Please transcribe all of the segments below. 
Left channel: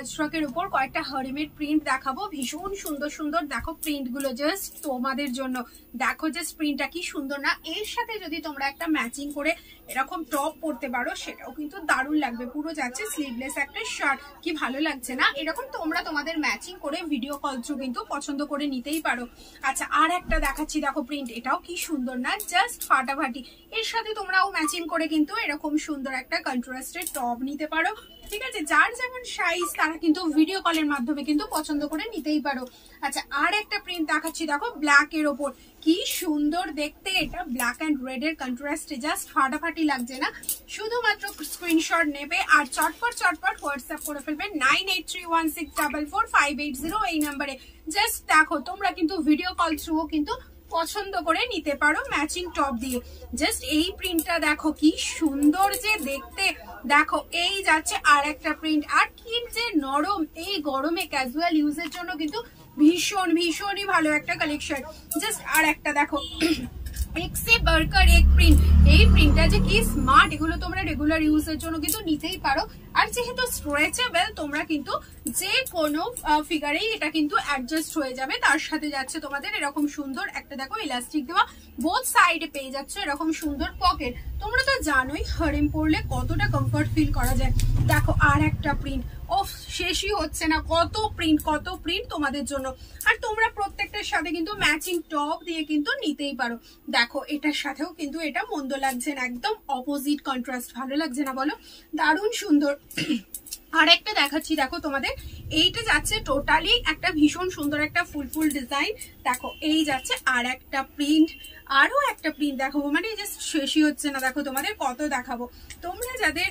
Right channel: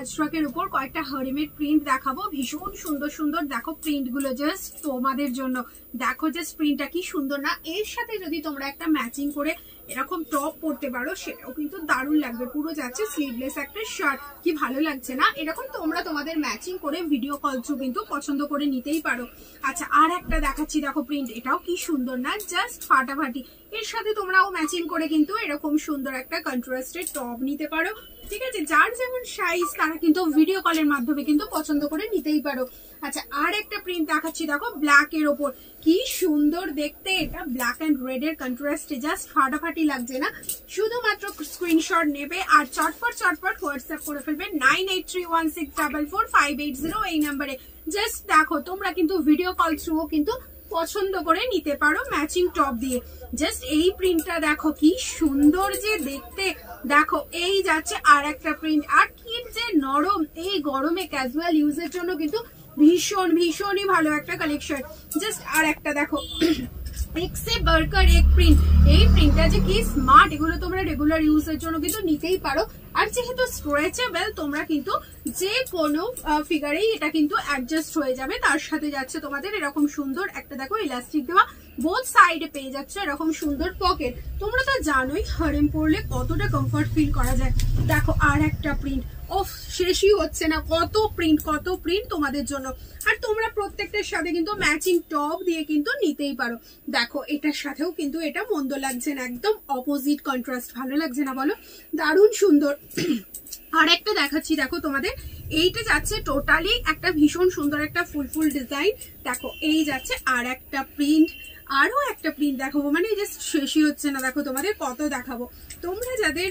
আজরাকের উপর কয়েকটা হারেমের প্রিন্ট দেখাবো, ভীষণ সুন্দর সুন্দর। দেখো প্রিন্ট গুলো জাস্ট তোমাদের জন্য, দেখো জাস্ট প্রিন্টটা কি সুন্দর না। এর সাথে যদি তোমরা একটা ম্যাচিং করে এরকম টপ পরতে পারো সেটাও কিন্তু দারুণ লাগবে। পুরো যাচ্ছে স্লিভলেস একটা শার্ট, কি ভালো লাগছে না। এরকম তোমরা তোমাদের ম্যাচিং করে ভিডিও কল থ্রু কিন্তু পছন্দ করে নিতেই পারো। আচ্ছা আর একটা দেখাচ্ছি, দেখো প্রিন্ট, এটাও কি সুন্দর না, জাস্ট ফাটাফাটি। এর সাথে তোমরাও ম্যাচিং করে কিন্তু এরকম সুন্দর একটা কন্ট্রাস্টেড টপ নিতে পারো, ঠিক আছে। যার যেমন সাইজ তারা কিন্তু ভিডিও কলের মাধ্যমে কিন্তু পছন্দ করে নিতেই পারো। আচ্ছা আর একটা প্রিন্ট দেখাচ্ছি, দেখো ব্ল্যাক এর ওপর, কি সুন্দর দেখতে। এটা ব্ল্যাক এন্ড রেড এর কন্ট্রাস্টে জাস্ট ফাটাফাটি লাগছে না। শুধুমাত্র স্ক্রিনশট নেবে আর চটপট হোয়াটসঅ্যাপ করে ফেলবে 9831644580 এই নাম্বারে। জাস্ট দেখো তোমরা কিন্তু ভিডিও কল থ্রু কিন্তু পছন্দ করে নিতে পারো ম্যাচিং টপ দিয়ে। জাস্ট এই প্রিন্টটা দেখো কি সুন্দর যে দেখতে। দেখো এই যাচ্ছে আর একটা প্রিন্ট, আর কি যে নরম, এই গরমে ক্যাজুয়াল ইউজের জন্য কিন্তু ভীষণই ভালো একটা কালেকশন। জাস্ট আর একটা দেখো এক্সে বার্কার এক প্রিন্ট, এই প্রিন্টটা যে কি স্মার্ট, এগুলো তোমরা রেগুলার ইউজের জন্য কিন্তু নিতেই পারো। আর যেহেতু স্ট্রেচেবল তোমরা কিন্তু যে কোনো ফিগারেই এটা কিন্তু অ্যাডজাস্ট হয়ে যাবে। তার সাথে যাচ্ছে তোমাদের এরকম সুন্দর একটা দেখো ইলাস্টিক দেওয়া, বোথ সাইডে পেয়ে যাচ্ছে এরকম সুন্দর পকেট। তোমরা তো জানোই হারেম পরলে কতটা কমফর্ট ফিল করা যায়। দেখো আর একটা প্রিন্ট, ও শেষই হচ্ছে না, কত প্রিন্ট তোমাদের জন্য। আর তোমরা প্রত্যেকটার সাথে কিন্তু ম্যাচিং টপ দিয়ে কিন্তু নিতেই পারো। দেখো এটার সাথেও কিন্তু এটা মন্দ লাগছে না, একদম অপোজিট কন্ট্রাস্ট, ভালো লাগছে না বলো, দারুণ সুন্দর। আর একটা দেখাচ্ছি, দেখো তোমাদের এইটা যাচ্ছে টোটালি একটা ভীষণ সুন্দর একটা ফুল ডিজাইন। দেখো এই যাচ্ছে আর একটা প্রিন্ট, আরো একটা প্রিন্ট দেখাবো, মানে জাস্ট শেষই হচ্ছে না। দেখো তোমাদের কত দেখাবো। তোমরা যাদের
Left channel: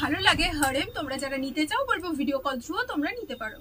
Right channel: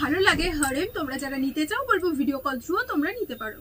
ভালো লাগে হারেম, তোমরা যারা নিতে চাও বলবো ভিডিও কল থ্রু তোমরা নিতে পারো।